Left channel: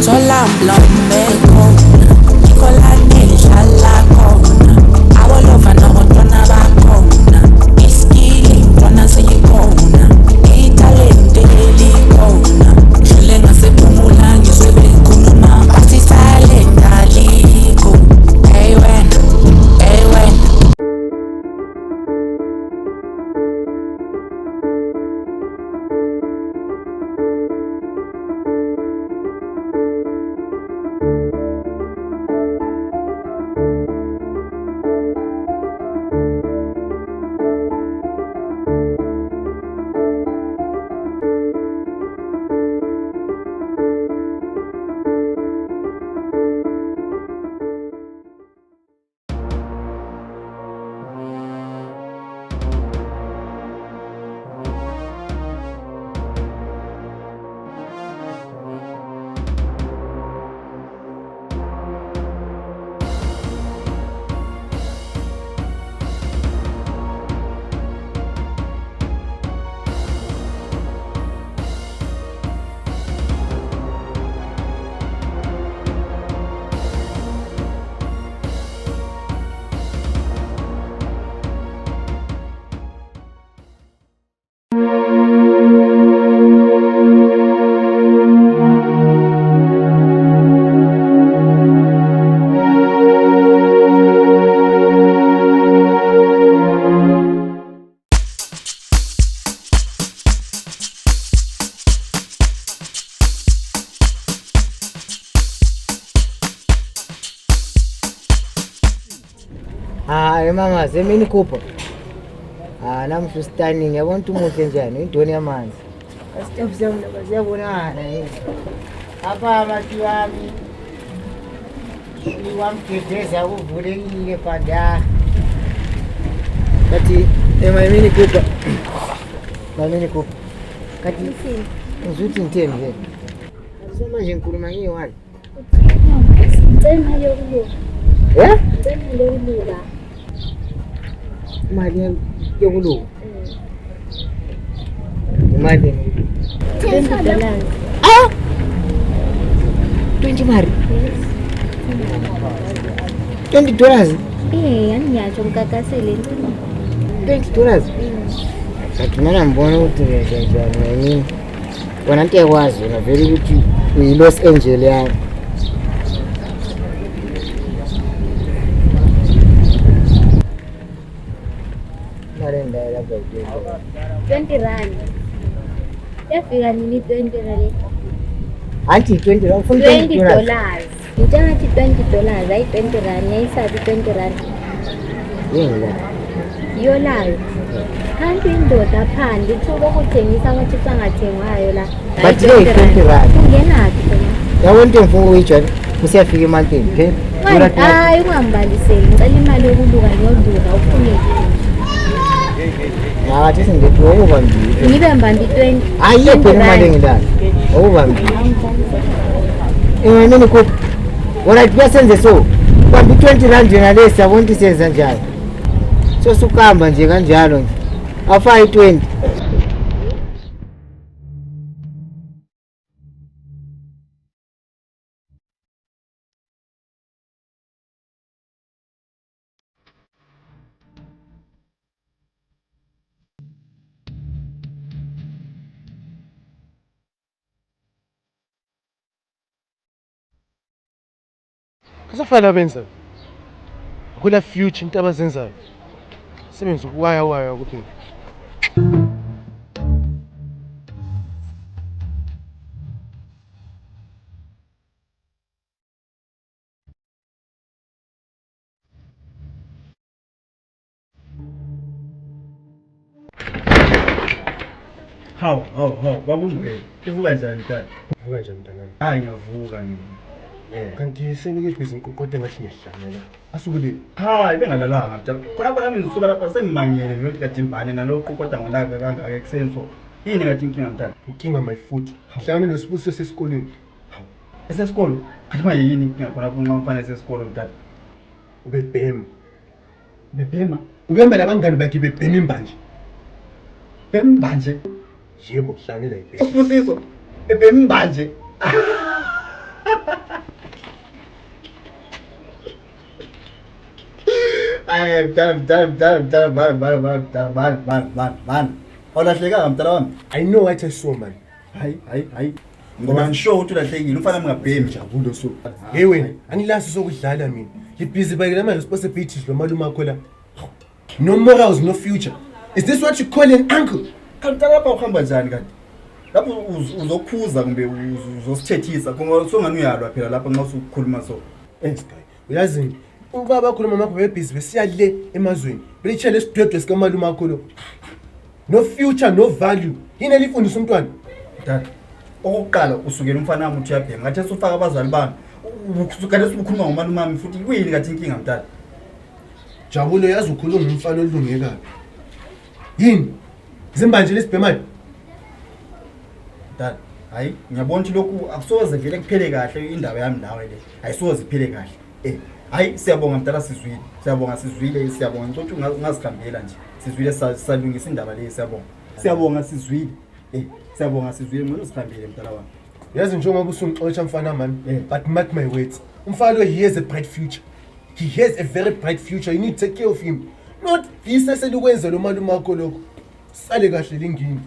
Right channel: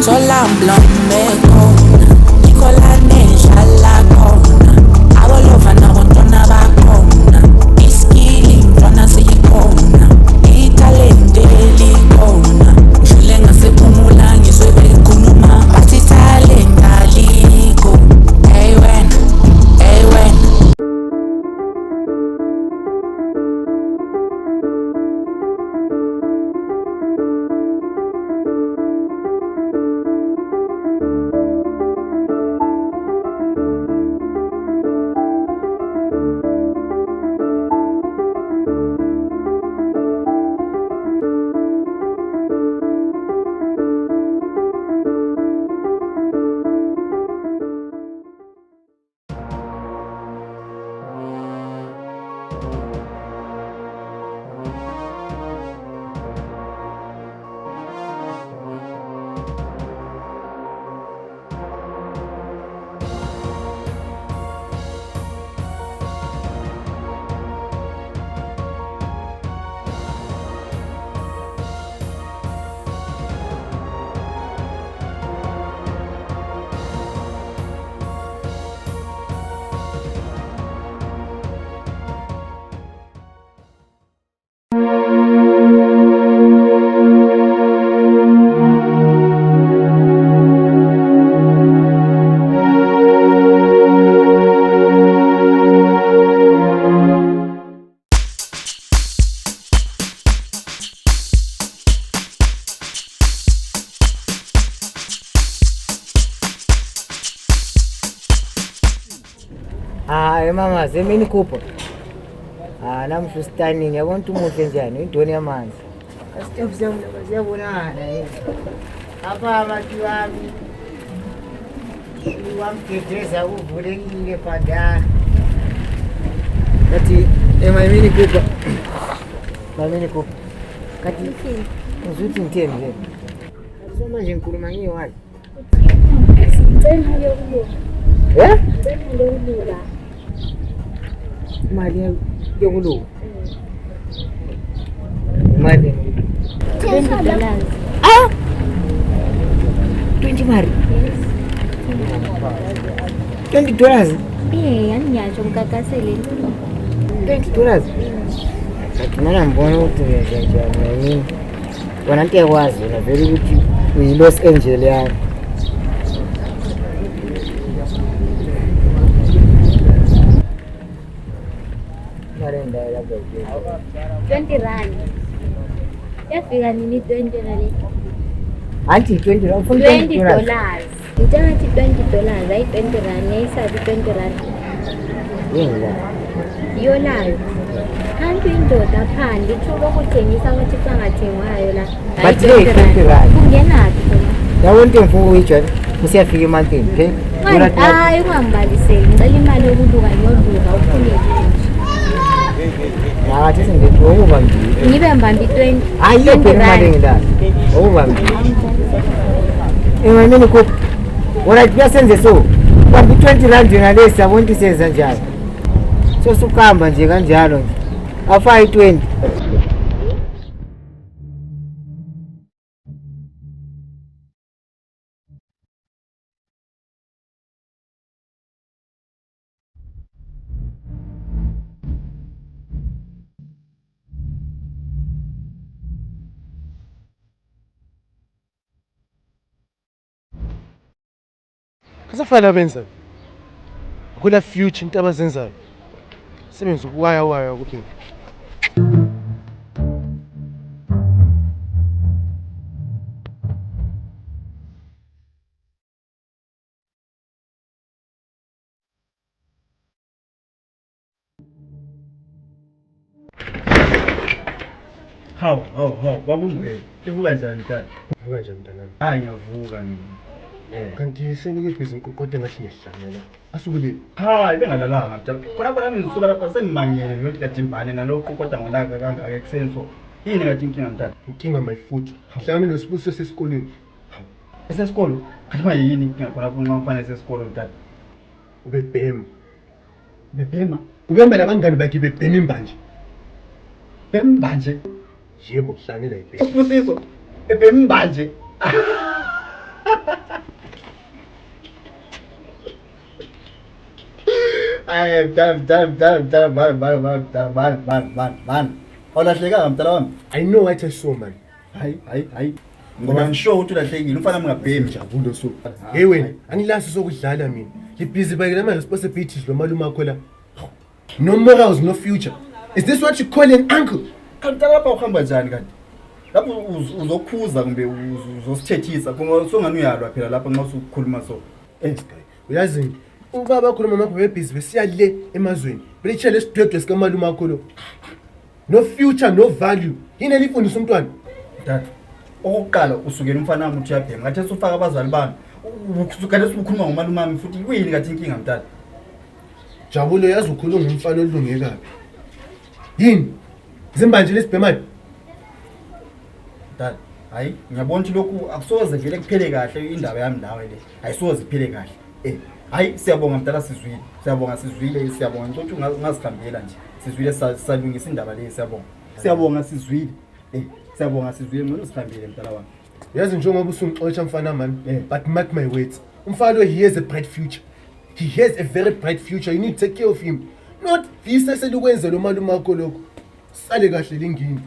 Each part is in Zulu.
Emtholampilo mekhona Nicola nendlala khona Abolova nabantwana bakhona Iskili mntwana siyikhona Italente likhona Ngidlule ngasephumula ngizwe bekhuluma Bathi talent alikho Hey wena, hey wena Mama, semini kupo. Namhla standing yabona umuhle njani indoni yamanzi. Asitop siyabonana Apha amathi wami. Iwamgedeza uvulekile phanda. Kathi emini kupo. Mini kupo. Kathi ngizuthi ngitheni nje. Manje ngikhuluma ngiyiwani. Ngicela yokubuka. Ngicela yokubuka. Imali yokuluka. Imali $20. 20 mari. $20. Yani ngiyatsho ngikakasele $20. Kathi mina ngibona ukuthi ngiyajenjani yini. Wona into yakwazi wena vele ukuthi uyi-Los Angeles yani. R20. Yafika nini 20 le? Anti $20. $20. Ngitshela ngathi $20 hayi R20 yayisabi R20. Yini la? Yolayo. Kanti indoda phandle ithuka ukuthengisa ukuthi sangathengwayo la. But le $20. Kungenaphi khona? Yabona into engifuna ukuyijwayela usiyafika emantini, okay? Hayi ungangibaliseli ngicela imali yokuluka ngiyoluka ufune Ngathi sengithi ukubambile. ngibe mbambi 20. Ayiphi imali engilala? Ukubambile. Imini kuphi? Wona kuyasenze so. Kanti R20 yona le siyabona ukuthi senza njani. So sukamba nje kanjalo nje. Afa i20. Kasafana benza. Akula future into abazenzayo. Sebenza ukuwaya kuphela. Hawu, babungwe. Ivuka njani tata? Vuka nje mntanami. Hayi ngiyavuka mina. Kanti senikephi izinkokote ngathi ngiyahlangela. Asukule. Hayi bengalalanga mntana. Khona mina ngisuka lapha sengimangele ngiyothi kajimbane nalokho kodwa ngolaka kangaka ekusenso. Yini ngathi inkinga mntana? Inkinga my foot. Hlangana nesibusiso sesikoleni. Esesikolo? Kanti manje yini inkinga khona lapho nxa mfana esesikolo mntana? Ubebhema. Bebhema? Ubehamba nabangani bakhe bebhema imbanje. Bembanje? Yebo hlangana ibhema. Usibusiso. Bebhema imbanje. Ay, mdala, man. Awulahlekanga mdala wami. I know what I saw, man. Hayi. Ngoba ngisho ukuthi ulahlekile, ufana mngabhemi. Jabulo so. Hey wena, angilasi sokudlala mina. Ngibhizi bayela ama responsibilities lo malume akho la. No morals, no future. Is this what you call an uncle? Kanti lapha uhamba njani kanti? Lapho uzokhuza kumbe uzosithethisa ngoba songani uyalwa phela lapha nxa usukhuluma so. Sky. Uyazini, ubaba akhuluma makho bebhizi besiya le emazweni. Belichele isidwedwe sika malume akho lo. No future, no value. Yini elifundisa umntwana? Dad. Okokuqala usukela umfana wami uthi uyabhema. Ngathi usufaka abazali bami. Ukukade usukhuluma ngomalume wami futhi kuyini kathi inkinga mdala? Jabulo yazi ukhuluma ngumfana olungekabi. Yini? Zimbanje lesibhemayo. Dad, hayi ngiyabona ukuthi lokhu akusoze vele kuphele kahle indaba yami nawe le. Ayisoze iphele kahle. Hayi siyabonga mdala sizwile. Siyabonga ngicela ungasikhambela nje. Sizwile salungisa indaba le siyabonga. Siyabonga sizwile. Siyabonga sizwile mina usikhambile mdala wami. Yazi njengoba usungixoxa mfana man, but mark my words. Umfana lo he has a bright future. He has a very bright future. You need to take care of him. Not this eselukwenza lo malume akho lokho. Sale kahle lingini.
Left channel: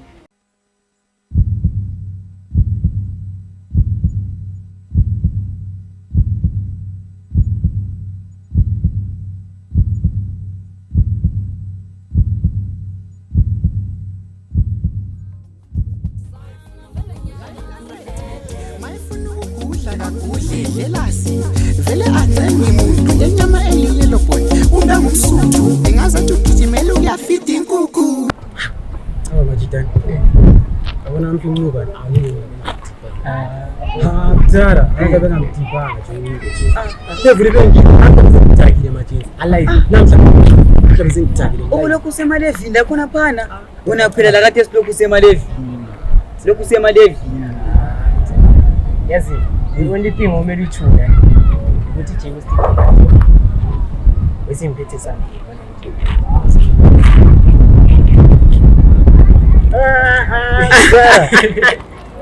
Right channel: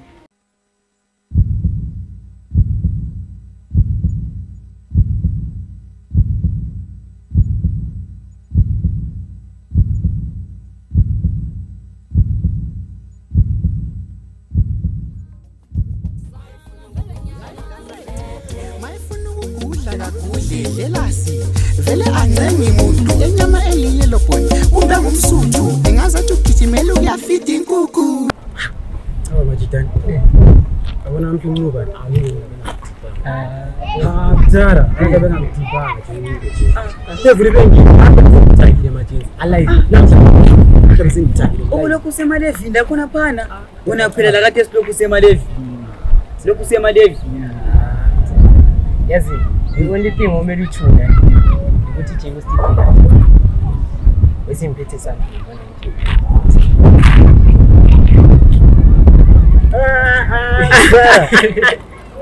Vele ancengi muntu lenyama eliyelo boy unda ngumsuthu engazathi ugijimela uyafita inkukhu majidani abona amhlunguka awuningi mdala akabe ngamdibanga nje levuli bengi ngidakile majini alive namhlanje ngidakile okulokhu semalevini lakhona phana wona kuphelela kade silokhu semalevini yazi the only thing omele uthuna ukuthi James Steve wesimphethe something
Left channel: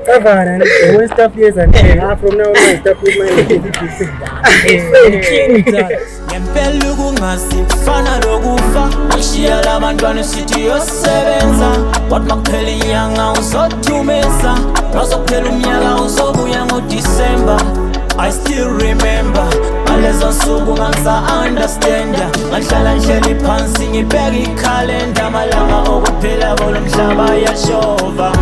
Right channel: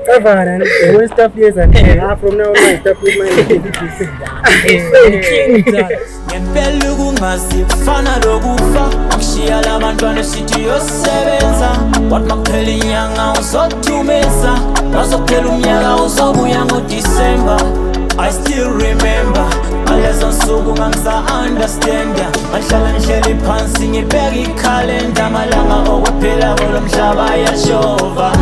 Kavana, the one stuff years and from now on stuff with my ngempela kungasikufana lokufa akushiya labantwana sithi yosebenza wathi makuphela inyanga uzothumeza wazokuphela umnyaka uzobuya ngoDisemba. I still remember ngalezo nsuku ngangisa-understanda ngahlala ngihleli phansi ngibheka ikhalenda amalanga okuphela kulo mhlaba yashova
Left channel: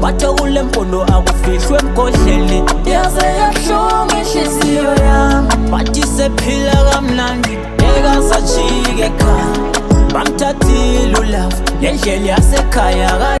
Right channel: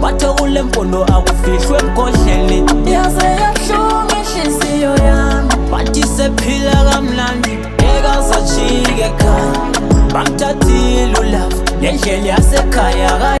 bathe kule mpondo akufihlwe emgodleni yaze yabuhlungu inhliziyo yami bathi sephila kamnandi ekazajike ekhaya bamthathile ulafu le ndlela yasekhaya